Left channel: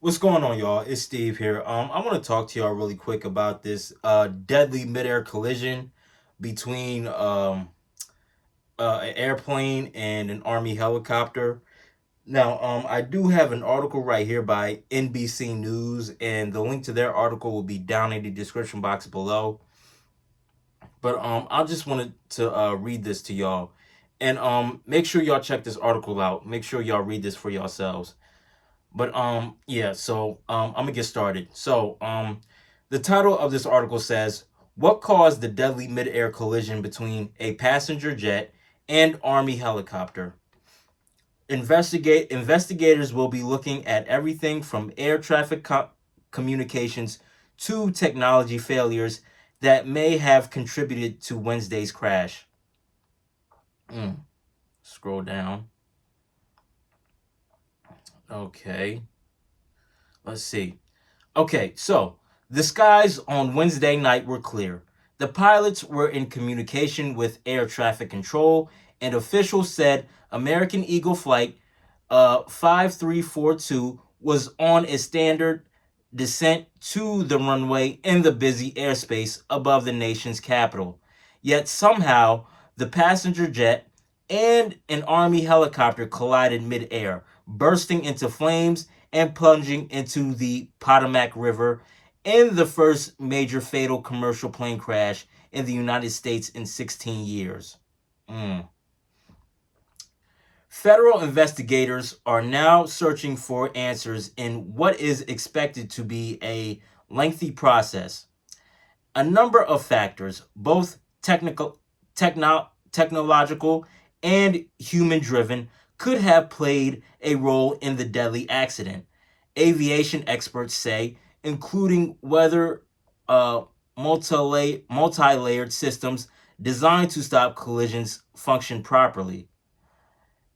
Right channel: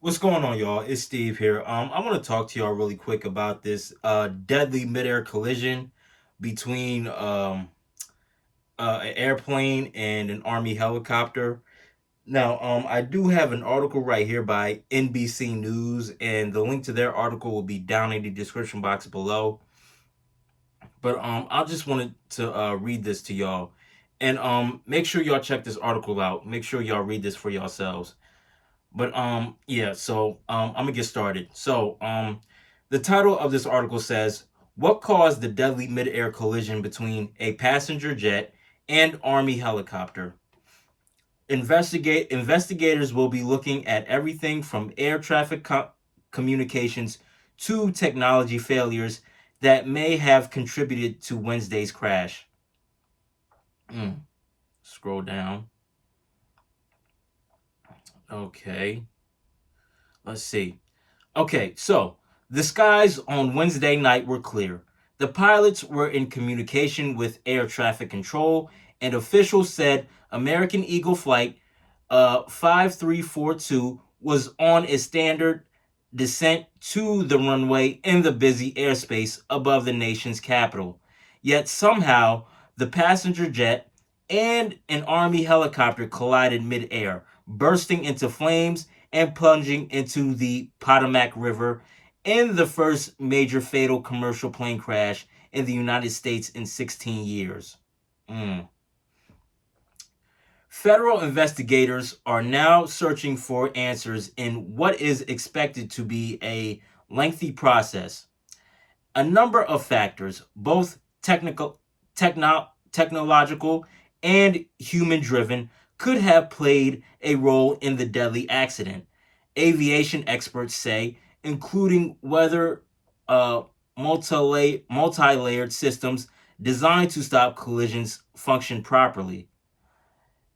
What's going on, y'all? It's Steve here. I want to talk to y'all really quick about this deadly midair collision between an airplane and an army helicopter. Now, I do have an article right here by NBC News, and the link to their article will be down in the description box below. But I just wanted to read this to y'all, and make sure y'all check this article out. Make sure y'all read this for yourselves. But yeah, so I'm gonna get started. The title of this article says, "What caused the deadly mid-air collision between a passenger jet and army helicopter?" Investigators will be looking at everything from air traffic communications to technology failures that may have contributed to Wednesday's crash. Mm, Scroll down. Okay, let's see. Okay, so the skies on Wednesday night were clear. The pilots were in communication with air traffic control, and officials said American Eagle Flight 5342 was on a standard descent to the runway in the busy airspace above the nation's capital. Yet somehow, the passenger jet and an Army helicopter collided midair, bursting into flames and plunging into the Potomac River in the first major fatal commercial plane crash in the United States in 16 years. Mm. Federal investigators are now searching for answers in what is expected to be a lengthy process. A number of factors, both technological, and human driven, could have played a role in the deadly accident. Aviation experts say, including whether multi layered systems designed to stop collisions function properly.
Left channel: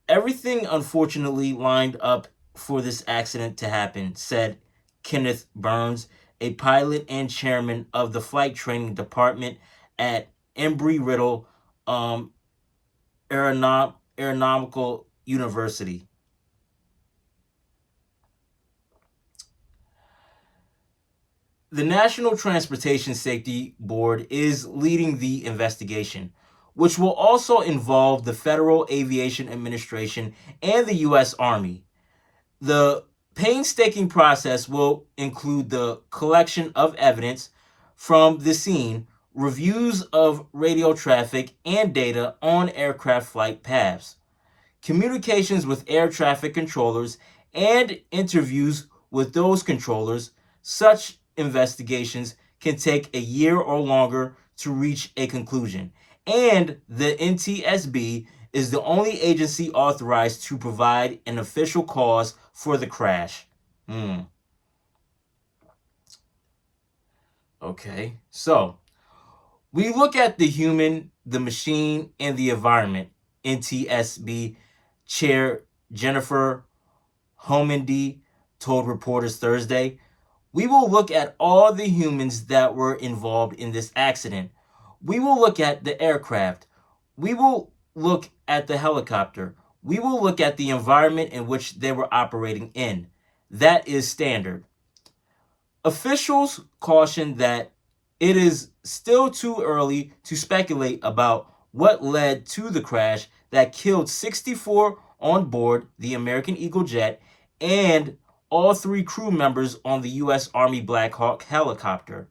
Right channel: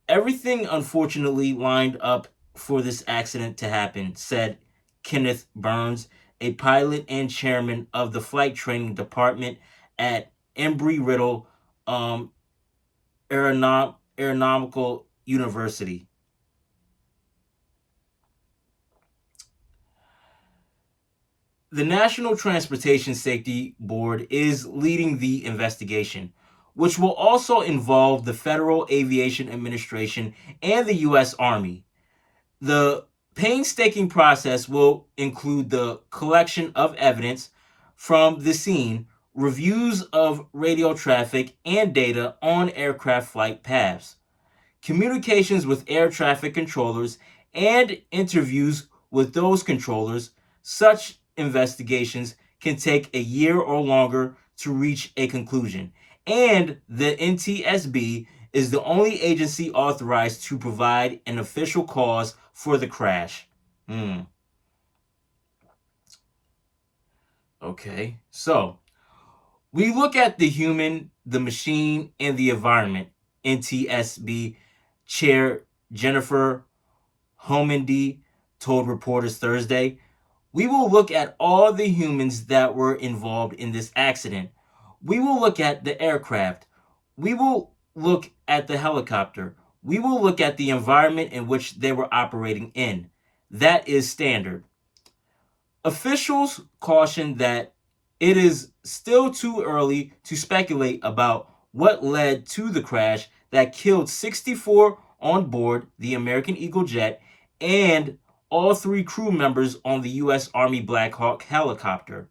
Everything unfortunately lined up for this accident to happen, said Kenneth Burns, a pilot and chairman of the flight training department at Embry-Riddle um, Aeronautical University. The National Transportation Safety Board is leading the investigation, which will also involve the Federal Aviation Administration and the U.S. Army. The painstaking process will include the collection of evidence from the scene, reviews of radio traffic and data on aircraft flight paths, communications with air traffic controllers, and interviews with those controllers. Such investigations can take a year or longer to reach a conclusion. And the NTSB is the only agency authorized to provide an official cause for the crash. Hmm. Okay. So we look at the human, the machine, and the environment. NTSB Chair Jennifer Homendy told reporters Thursday. We will look at all the humans that were involved in this accident. We will look at the aircraft. We will look at the helicopter. We will look at the environment in which they were operating in. That is standard. Officials caution that it is still too early to speculate about what led to the crash that killed 64 on board the American Eagle jet and all three crew members on the U.S. Army Black Hawk helicopter.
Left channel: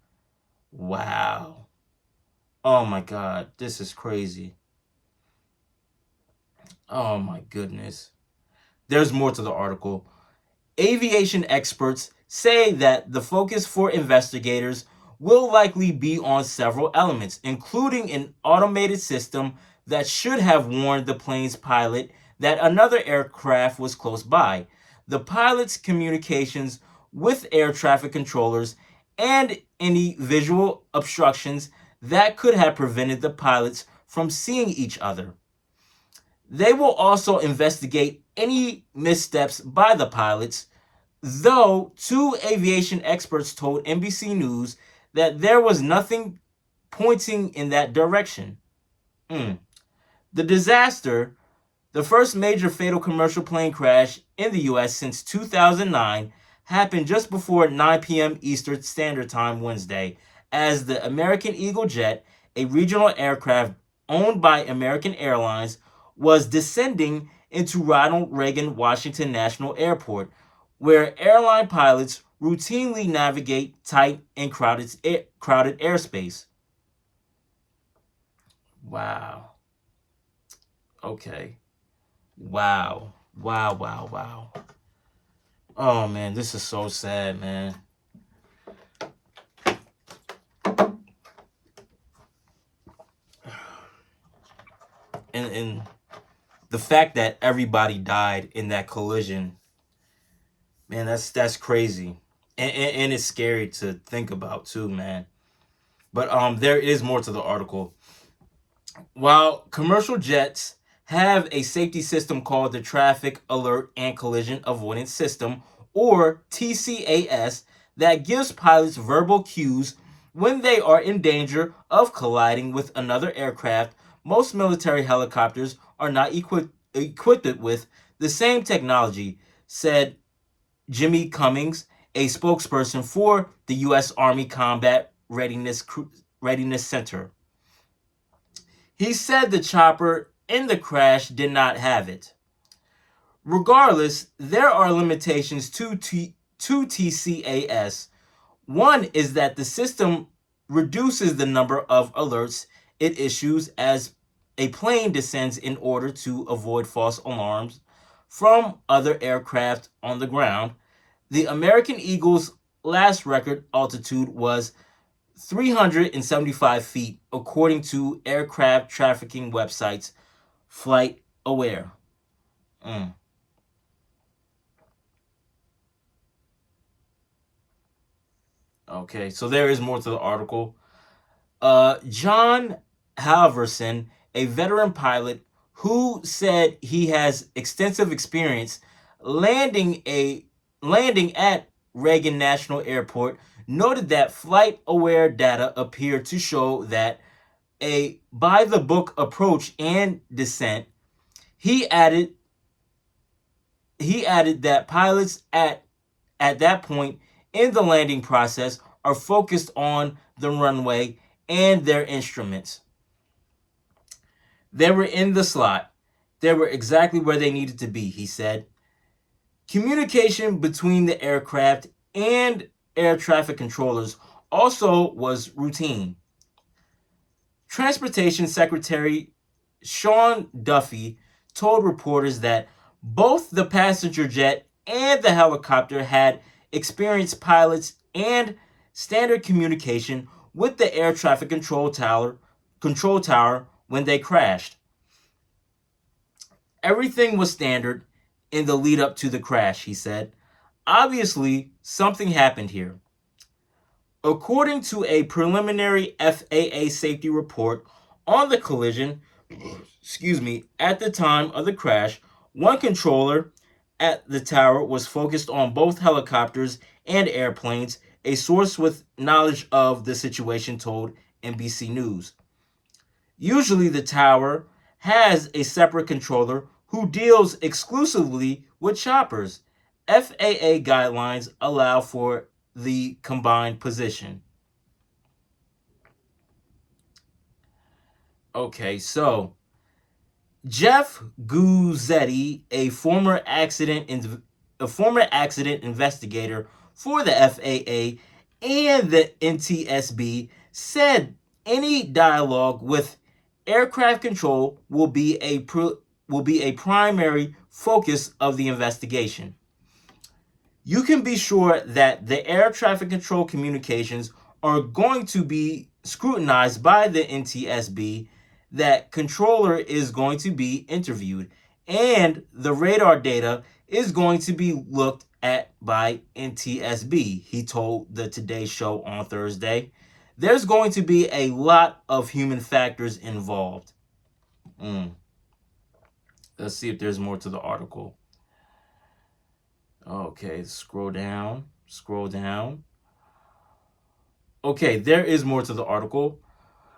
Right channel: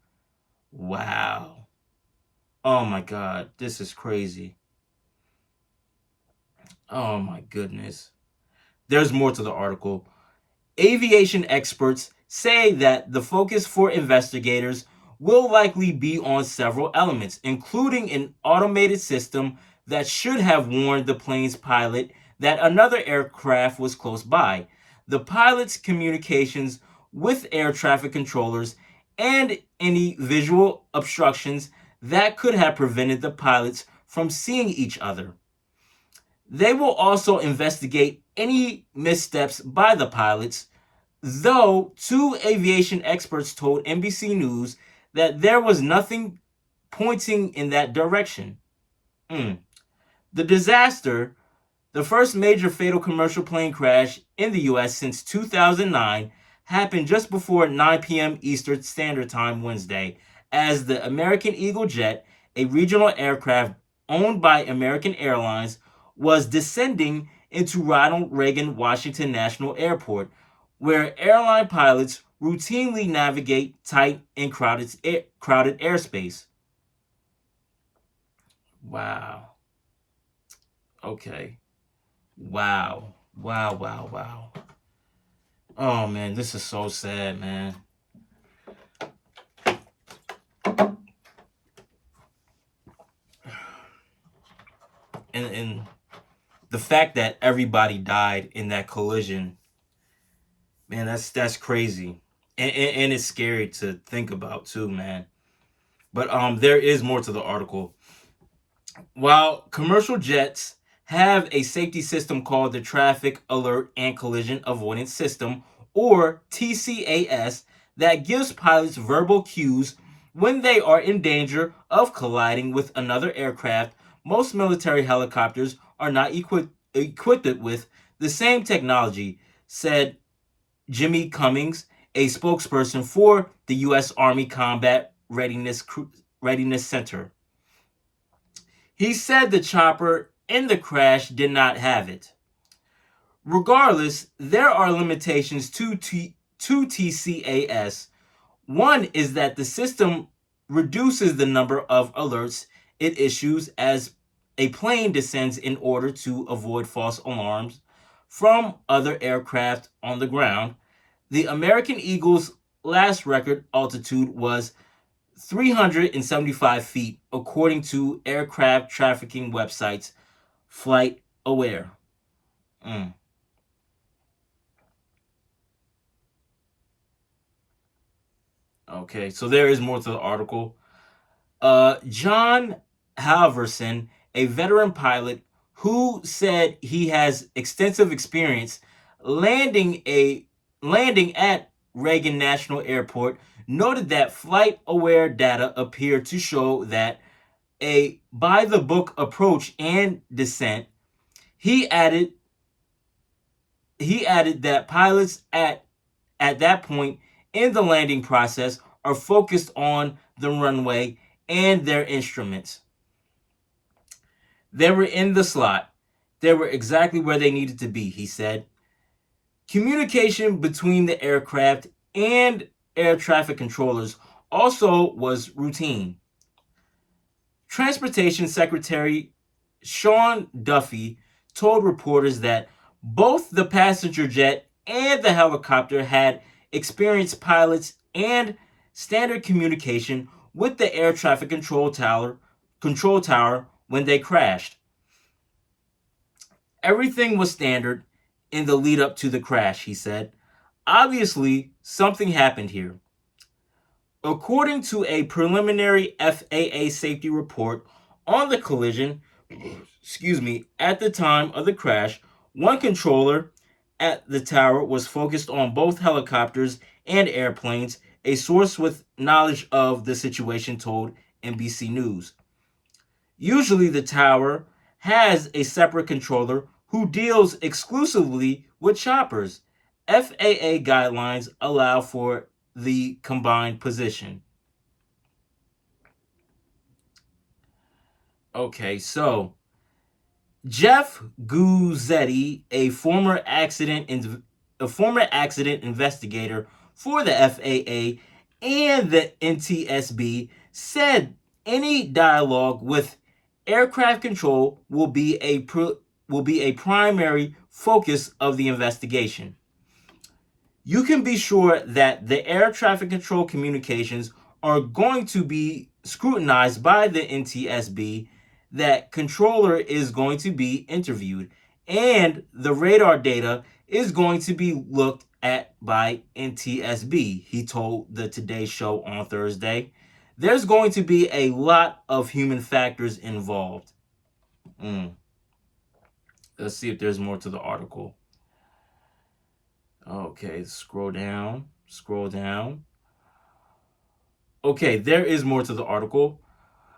Wow. Oh my God, this is crazy. Oh my goodness. There's more to the article. Aviation experts say that the focus for investigators will likely be on several elements, including an automated system that should have warned the plane's pilot that another aircraft was close by, the pilot's communications with air traffic controllers, and any visual obstructions that could have prevented the pilots from seeing each other. They will also investigate any missteps by the pilots, though two aviation experts told NBC News that there was nothing pointing in that direction. Mm. The disaster, the first major fatal commercial plane crash in the U.S. since 2009, happened just before 9 p.m. Eastern Standard Time Wednesday, as the American Eagle jet, a regional aircraft owned by American Airlines, was descending into Ronald Reagan Washington National Airport, where airline pilots routinely navigate tight and crowded airspace. Wow. Okay. Wow. Wow, wow, wow. Oh man, this is so sad, man. And the fact that everybody died in that collision, man, that's crazy. And it's scary to think about too, man. But there is more to the article. While commercial jets have a safety system called the Traffic Alert and Collision Avoidance System, or TCAS, that gives pilots verbal cues when they are in danger of colliding with another aircraft, most military helicopters are not equipped with the same technology, said Jimmy Cummings, a spokesperson for the U.S. Army Combat Readiness Center. He said the chopper in the crash did not have it. Regardless, there are limitations to TCAS. One is that the system reduces the number of alerts it issues as a plane descends in order to avoid false alarms from other aircraft on the ground. The American Eagle's last record altitude was 375 feet, according to aircraft trafficking websites FlightAware. Okay, so there is more to the article. John Halverson, a veteran pilot who said he has extensive experience landing at Reagan National Airport, noted that FlightAware data appeared to show that a by-the-book approach and descent. He added that pilots at that point in the landing process are focused on the runway and their instruments. They were in the slot. They were exactly where they needed to be, he said. Communication between the aircraft and air traffic controllers also was routine. Transportation Secretary Sean Duffy told reporters that both the passenger jet and the helicopter had experienced pilots and standard communication with the air traffic control tower when they crashed. Everything was standard in the lead up to the crash, he said. Obviously, something happened here. According to a preliminary FAA safety report on the collision, at the time of the crash, one controller at the tower was focused on both helicopters and airplanes, a source with knowledge of the situation told NBC News. Usually the tower has a separate controller who deals exclusively with choppers. FAA guidelines allow for the combined position. Okay, so Jeff Guzzetti, a former accident investigator for the FAA and the NTSB, said any dialogue with aircraft control will be a primary focus of the investigation. You can be sure that the air traffic control communications are going to be scrutinized by the NTSB, that controller is going to be interviewed, and the radar data is going to be looked at by NTSB, he told the Today Show on Thursday. There's going to be a lot of human factors involved. Let's see if there's more to the article. Okay, scroll down. Okay, there is more to the article.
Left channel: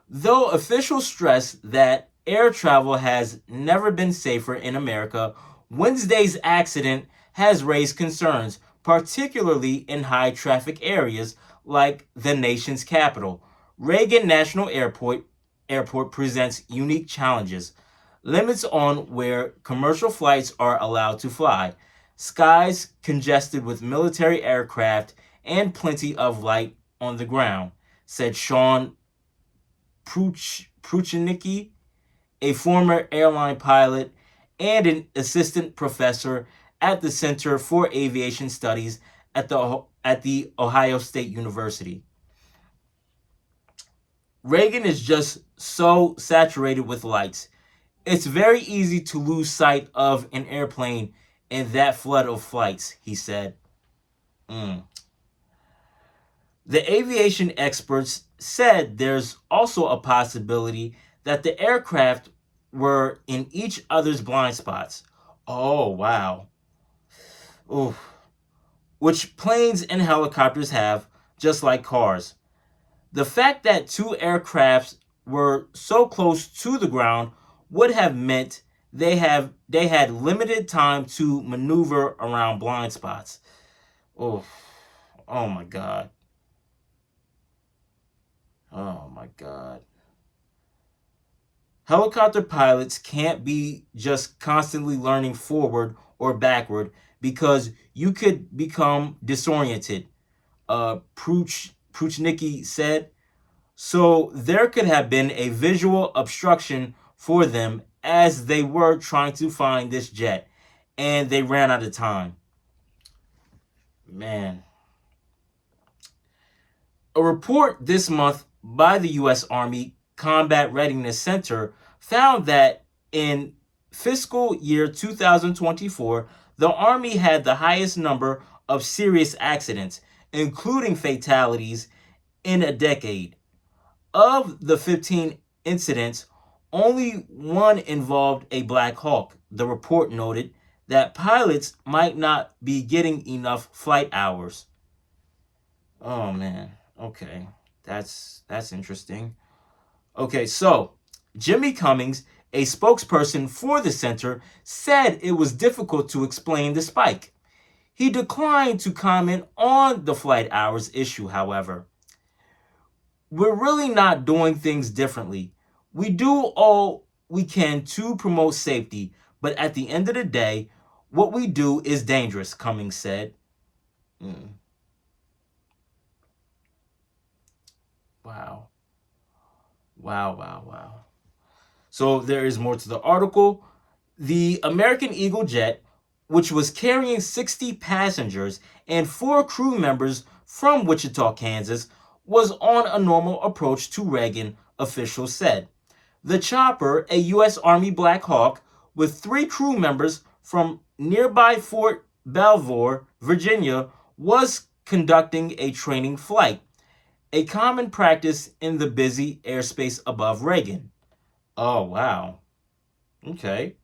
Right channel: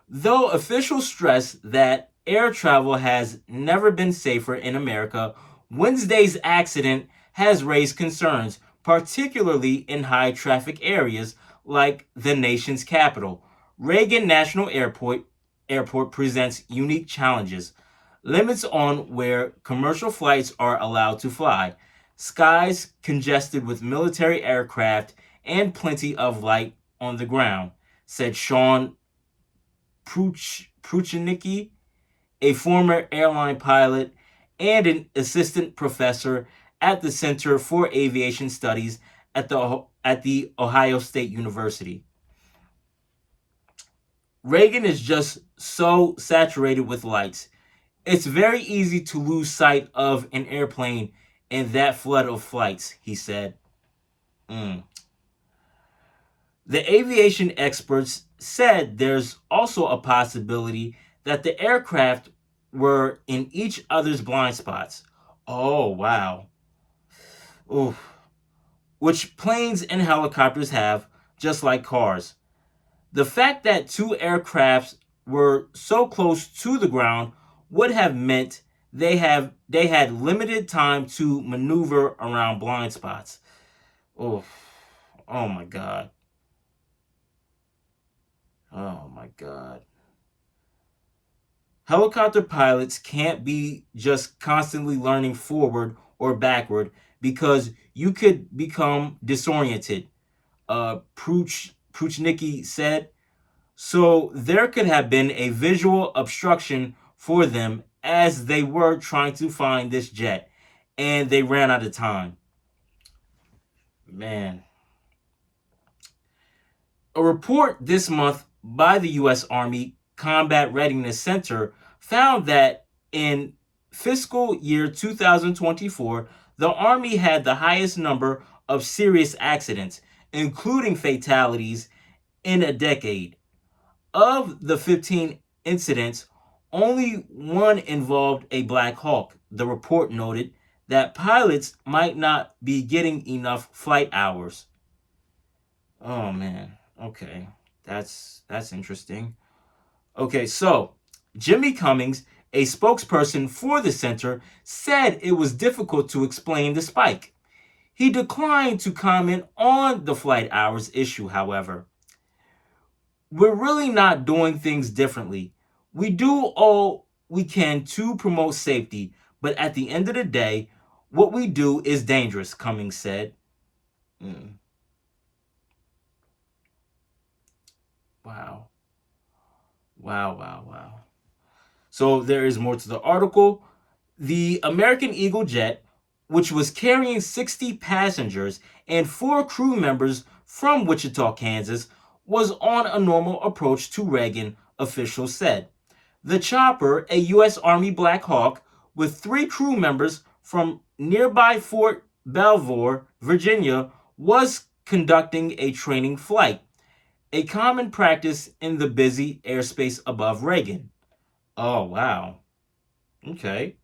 Though officials stress that air travel has never been safer in America, Wednesday's accident has raised concerns, particularly in high traffic areas like the nation's capital. Reagan National Airport presents unique challenges. Limits on where commercial flights are allowed to fly, skies congested with military aircraft, and plenty of light on the ground, said Sean Pruchenicki, a former airline pilot and an assistant professor at the Center for Aviation Studies at the Ohio State University. Reagan is just so saturated with lights. It's very easy to lose sight of an airplane in that flood of flights, he said. Mm. The aviation experts said there's also a possibility that the aircraft were in each other's blind spots. Oh, wow. Oof. Which planes and helicopters have, just like cars. The fact that two aircrafts were so close to the ground would have meant they had limited time to maneuver around blind spots. Oh, oh my God. Oh my God. Helicopter pilots can't be just constantly learning forward or backward because you could become disoriented, Pruchnicki said. So there could have been a visual obstruction for them as they were trying to find this jet, and they ran out of time. Man. A report this month by the U.S. Army Combat Readiness Center found that in fiscal year 2024, the Army had the highest number of serious accidents, including fatalities, in a decade. Of the 15 incidents, only one involved a Black Hawk. The report noted that pilots might not be getting enough flight hours. Oh man. Okay. That's interesting. Okay, so Jimmy Cummings, a spokesperson for the center, said it was difficult to explain the spike. He declined to comment on the flight hours issue, however. We're really not doing things differently. We do all we can to promote safety, but at the end of the day, what we do is dangerous, Cummings said. Wow. Wow, wow, wow. So there is more to the article. The American Eagle jet, which was carrying 60 passengers and 4 crew members from Wichita, Kansas, was on a normal approach to Reagan, officials said. The chopper, a U.S. Army Black Hawk, with 3 crew members from nearby Fort Belvoir, Virginia, was conducting a training flight, a common practice in the busy airspace above Reagan. Oh, wow. Okay.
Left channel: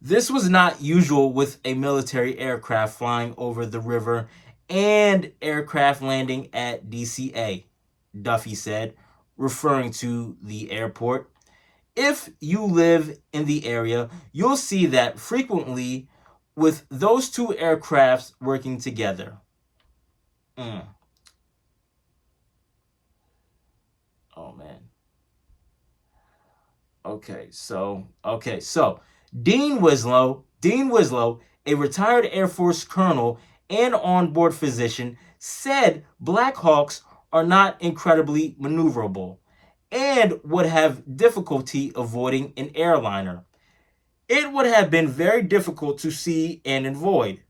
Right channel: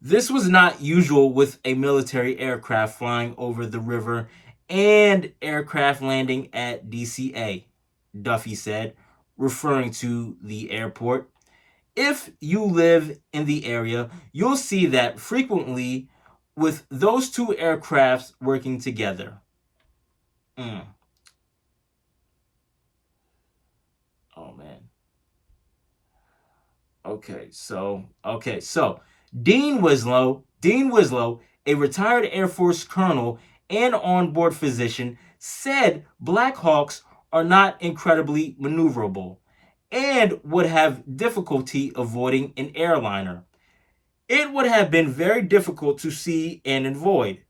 This was not usual with a military aircraft flying over the river and aircraft landing at DCA, Duffy said, referring to the airport. If you live in the area, you'll see that frequently with those two aircrafts working together. Oh man. Okay, so Dean Winslow, a retired Air Force colonel and onboard physician, said Black Hawks are not incredibly maneuverable and would have difficulty avoiding an airliner. It would have been very difficult to see and avoid,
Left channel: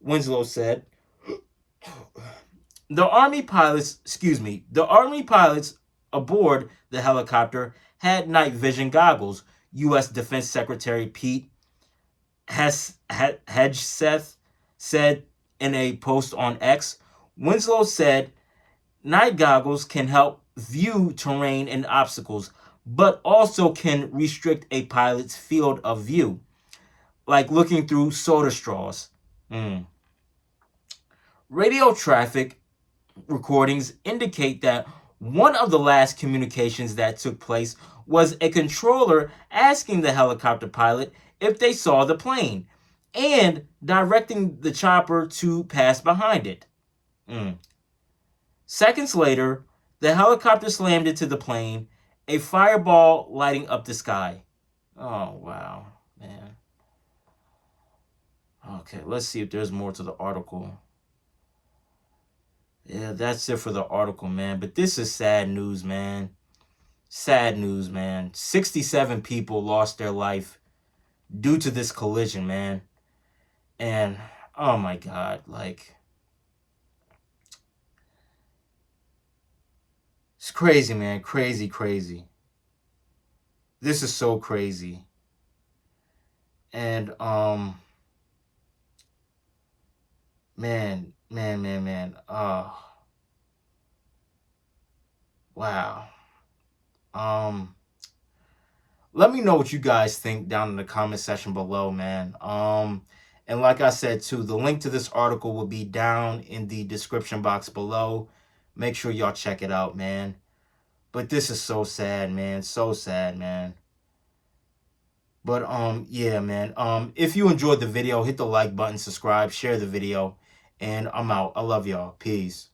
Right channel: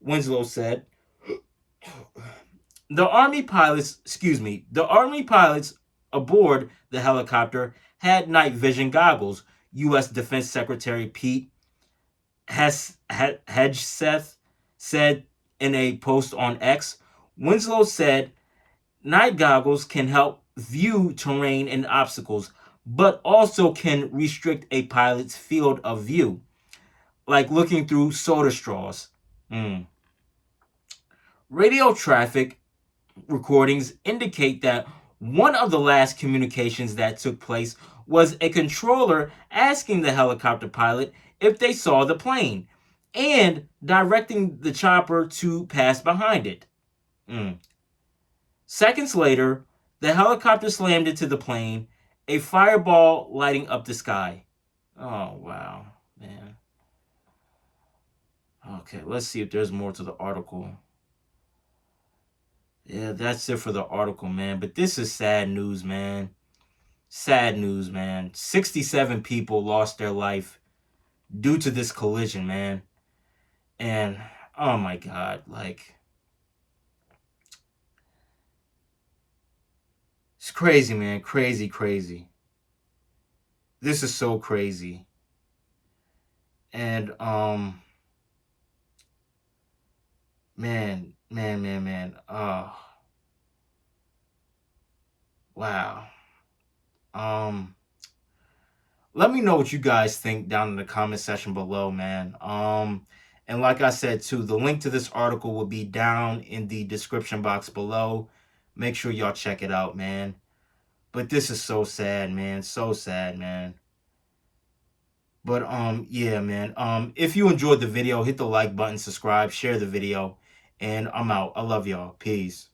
Winslow said. The Army pilots aboard the helicopter had night vision goggles, U.S. Defense Secretary Pete Hegseth said in a post on X. Winslow said night goggles can help view terrain and obstacles, but also can restrict a pilot's field of view, like looking through soda straws. Radio traffic recordings indicate that one of the last communications that took place was a controller asking the helicopter pilot if they saw the plane, and directing the chopper to pass behind it. Seconds later, the helicopter slammed into the plane, a fireball lighting up the sky. Oh, wow, man. Okay, let's see if there's more to the article. Yeah, that's it for the article, man. But this is sad news, man. Sad news, man. 67 people lost their life due to this collision, man. And oh my God, like, it's crazy, man. Crazy, crazy. This is so crazy. And man. Oh, wow. Let me know what you guys think down in the comment section below, man. And like I said too, the link to this article will be down in the description box below. Make sure y'all check it out, man. But this is so sad, man. So sad, man. But yeah, man. If you enjoyed the video, hit the like button, subscribe, share the video, and I'm out. I love y'all. Peace.